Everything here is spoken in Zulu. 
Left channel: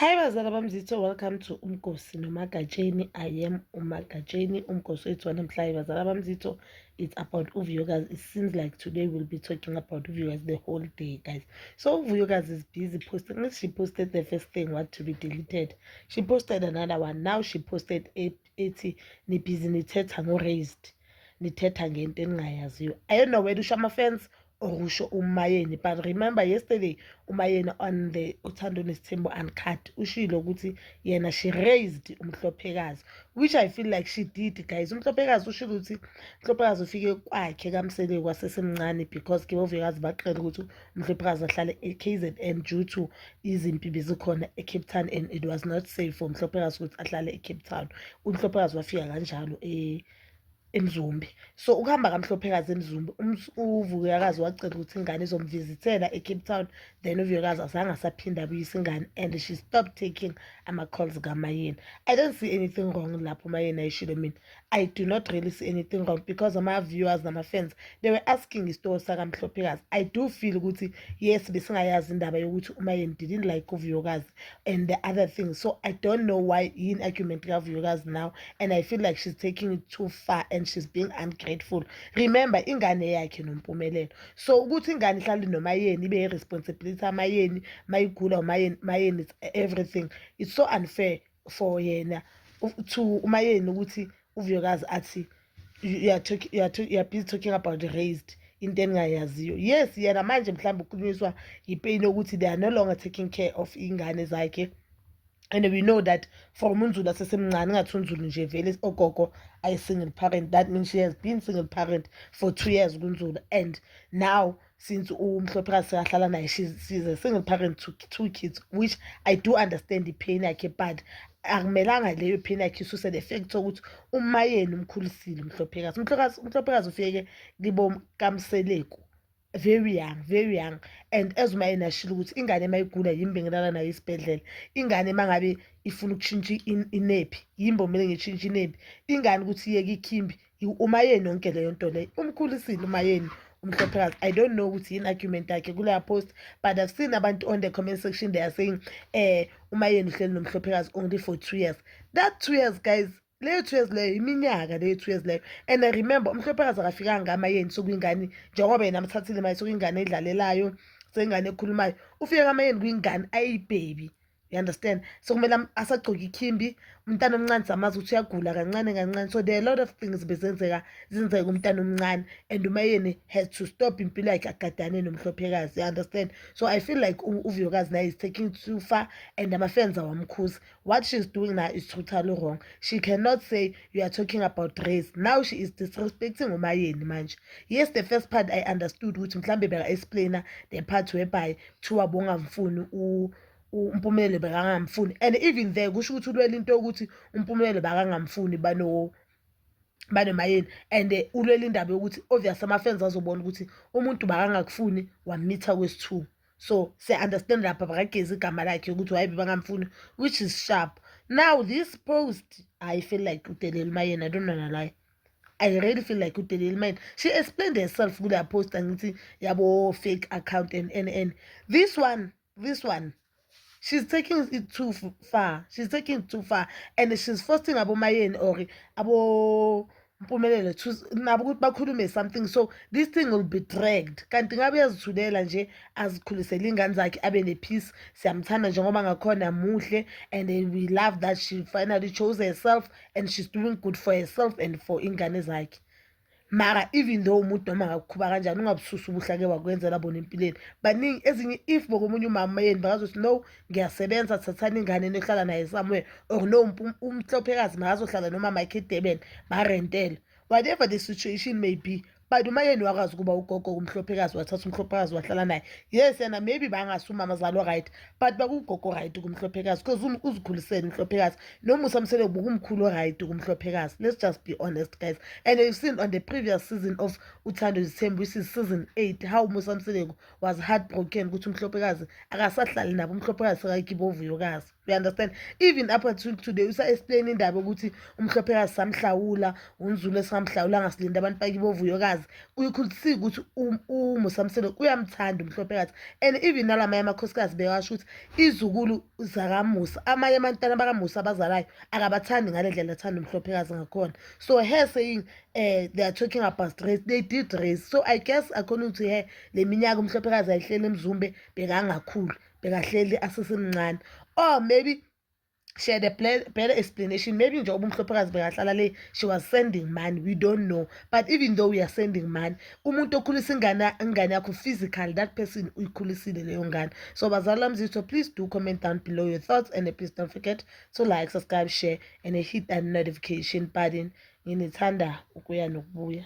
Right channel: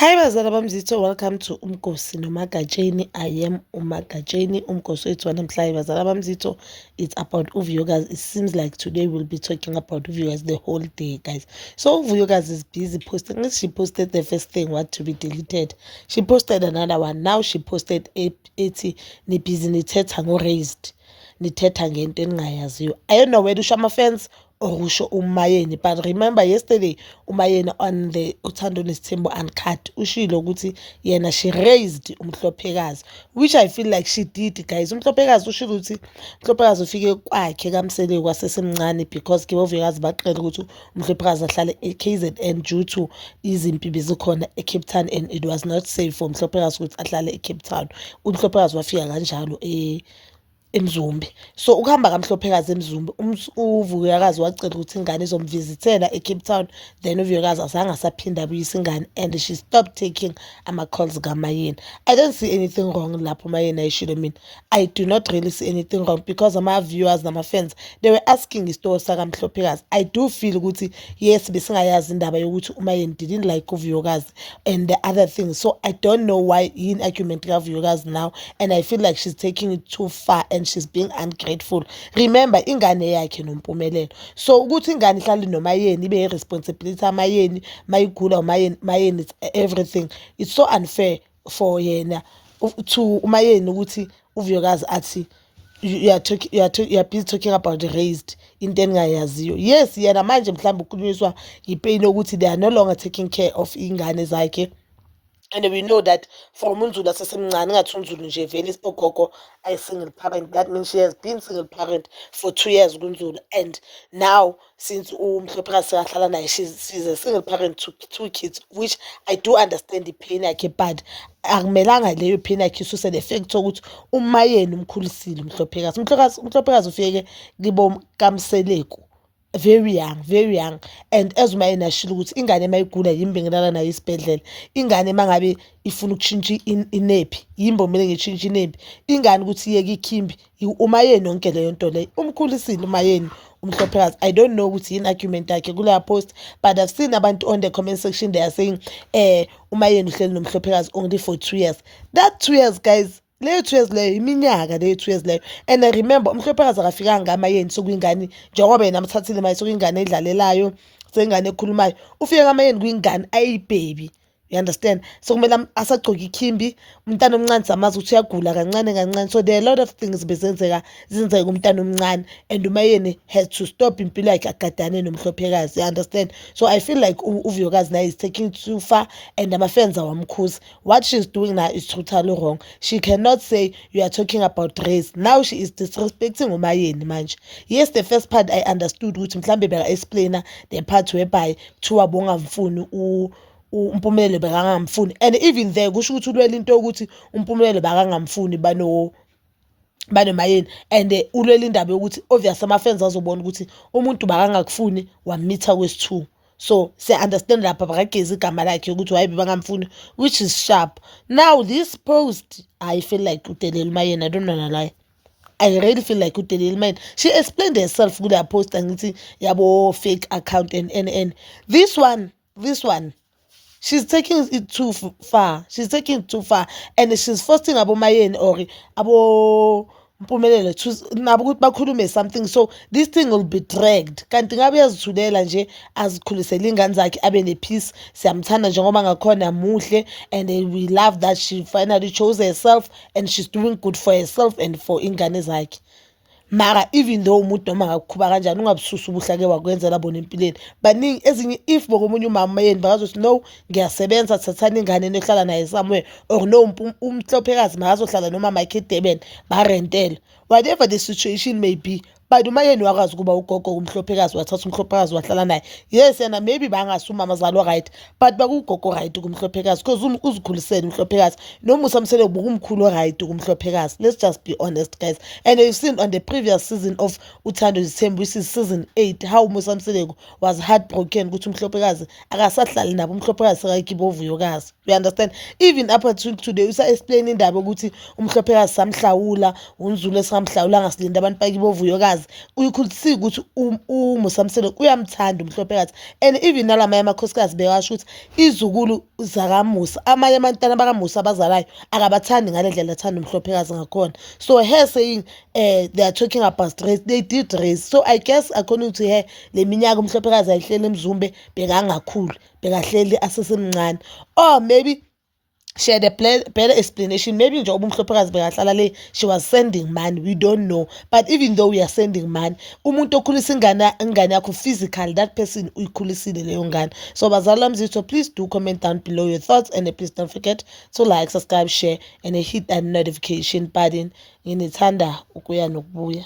Hi bazala bamzitho, welcome to Umkosi noMagatsheni. I am uMagatsheni. Umkosi wethu wanamhlanje bazala bamzitho, it's about Uvuyokazi. It seems like today we'll be talking about Uvuyokazi the whole day, guys. So Uvuyokazi is busy posting. She posted the first thing, what to be deleted. She posted another one. Now she posted 80 ni busy nithetha ngo-raised. Nithetha ngento engingayaziyo. I don't know where to show my fans or usho umayeni, but remember yesterday umayeni on the Uthando Nesithembu Uncut ushilo ukuthi yena she raised umhlophekazi, which I feel like she did, guys. Umhlophekazi ushilo ukuthi umhlophekazi ufike kwakhe kaMsele kwasesemncane because ke Uvuyokazi baqela ukuthi umhlophekazi ahlale eKZN due to izimpi bezikhona eCape Town and it was not safe for umhlophekazi ukuthi ahlale eCape Town. Umhlophekazi wafika kanjalo eMzumbe. So ukuhamba kaMhlophekazi eMzumbe, uVuyokazi wacela ukuthi ingane izomvisithela eCape Town, then uVuyokazi azange asaphinda abuyisa ingane and she stopped taking ama-calls kaMayeni. I don't see anything wrong lapho Mayeni ayishilo mina. I do not really see anything wrong because ama-viewers nama-fans, they were asking isitori sakaMhlophekazi. I do feel ukuthi yes besingayazi indaba yokuthi uMayeni didn't like uVuyokazi and the other things. So I don't know why in argument kaVuyokazi now, and I feel like she's taking it too far and she's being ungrateful. Remember ingane yakhe noMpumelelo, so ukuthi ingane ihlale noMayeni ibe responsibility aMayeni, mayigula uMayeni it's everything. It's so unfair for yena to uMayeni ukuthi uVuyokazi athi you are busy talking about raised into engayaziyo. Yes yena manje mhlawumbe ukhulunyiswa yipain ukuthi they are no longer taking care of ingane zakhe. And we know that from uNzulu asesemncane, ngathi uNzulu nje vele ogogo ay single parent, that means she has been single parent for 2 years kuNzulu, and now since uMhlophekazi seyahlala naye she's a single parent to 2 kids, which I do understand the pain yakhe, but akumelanga leyo pain yakhe isuse the fact ukuthi uMayeni umkhulisile uMhlophekazi ufike kibo kaMseleku very young, and as uMayeni ashilo ukuthi ingane mayigula yimbe ngilala nayo isibhedlela, ingane mangabe ifuna ukutshintsha inephi yimbo kumele ngitshintshe inephi, ingane ukuthi iyeke ikhimbi uMayeni yonke leyo nto leyo umkhulisile uMayeni uMhlophekazi. I don't know ukuthi yini argument yakhe kuleya post, but I've seen abantu on the comment section they are saying uMayeni uhleli noMhlophekazi only for 2 years. That 2 years, guys, leyo 2 years leyo iminyaka leyo 2 years leyo. And I remember uMhlophekazi akafikanga ngaMayeni sokuyingane njengoba yena amthathile maye sokuyingane edlalelayo sengane ekhulumayo, ufike kaMayeni kuyingane ayibaby. You understand? So kumele asagcoka ikhimbi, umntana omncane samazi ukuthi uyagula kancane. So there are a lot of things zenzeka umntana omncane, and uMayeni has to stop impilo yakhe agadane noMhlophekazi. You understand? So I feel like uVuyokazi now is taking it too far, and ama-fans awamkhuzi. What she's doing now is totally wrong. She cannot say you are talking about race. Now she is disrespecting uMayeni manje. Yes, the first part I understood ukuthi mhlambe beka-explainer the part whereby kuthiwa bongamfuni uMpumelelo bekangamfuni, and even there kusho ukuthi ulwela into yokuthi uMpumelelo bekangamfuni banoMayeni, and ulwela indaba yokuthi obvious ama-fans azobona ukuthi umuntu bakangakufuni wamitha kwesi-2. So siya-understand lapha bakagezi igama lakhe ukuthi why bebangamfuni, which is sharp. Now this post I feel like udelela uMayeni, I don't wanna lie. I really feel like udelela uMayeni. She explained herself kuleya post angithi yabo fake account and this one she's taking it too far. She's taking it too far, and she's forcing aboMayeni or abo Mpumelelo to nabo ukuthi bakhulume something, so this thing will be dragged. Kanti ngabe yazithulela nje azikhulisela ingane zakhe abe nepeace, siyamthanda njengoba ngakhona muhle, and we love that she finally chose herself and she's doing good for herself and for ingane zakhe. Mara even though umuntu noma ngakukhuba kanjani ungabususa ubuhlake wakwenzela bona empilweni, baningi ezinye if bokomunye uMamayeni bakazothi no ngiyasebenza thathana ingane nehlala naye somewhere, or no uMhlophekazi makazohlala nomama yakhe eDurban barentela, whatever the situation may be. But uMayeni wakazi kuba ugogo uMhlophekazi wathatha uMhlophekazi wahlala naye. Yes yena maybe bangasuma amazalo right, but bakugogo right kuMhlophekazi because uzikhulisela uMhlophekazi noma usamsele ubukumkhulu right kuMhlophekazi. Let's just be honest, guys. And you've seen on the previous season of Uthando Nesithembu, which is season 8, how uMusamseleko was heartbroken ukuthi uMhlophekazi akasahlali nabo, uMhlophekazi sekayikibo uVuyokazi. You understand? Even up until today usa-explain indaba ukuthi uMhlophekazi samhlawula, uNzulu esingamhlawula ngasilinda abantu bakibo uVuyokazi, umhlopekazi you could see ukuthi uMusamselo uyamthanda umhlopekazi, and even nalamanye amakhosikazi bekasho ukuthi izukulu zakamusa amanye amantwana bakamusa abazalayo akabathandi ngale ndlela athanda umhlopekazi ngakhona. So her saying they are talking about race, they did race. So I guess according to her le minyaka umhlopekazi ayihleli emzumbe bekangakhulu, bekahleli asesemncane, or maybe she had a better explanation. Maybe njengoba umhlopekazi bekahlala le, she was sending money, we don't know. But even though we are sending money, umuntu okhulisa ingane yakho physical, that person uyikhulisile leyo ngane. So bazali bami, please do comment down below your thoughts, and please don't forget to like, subscribe, share, and hit that notification button. Nginithanda ukuya nokubuya.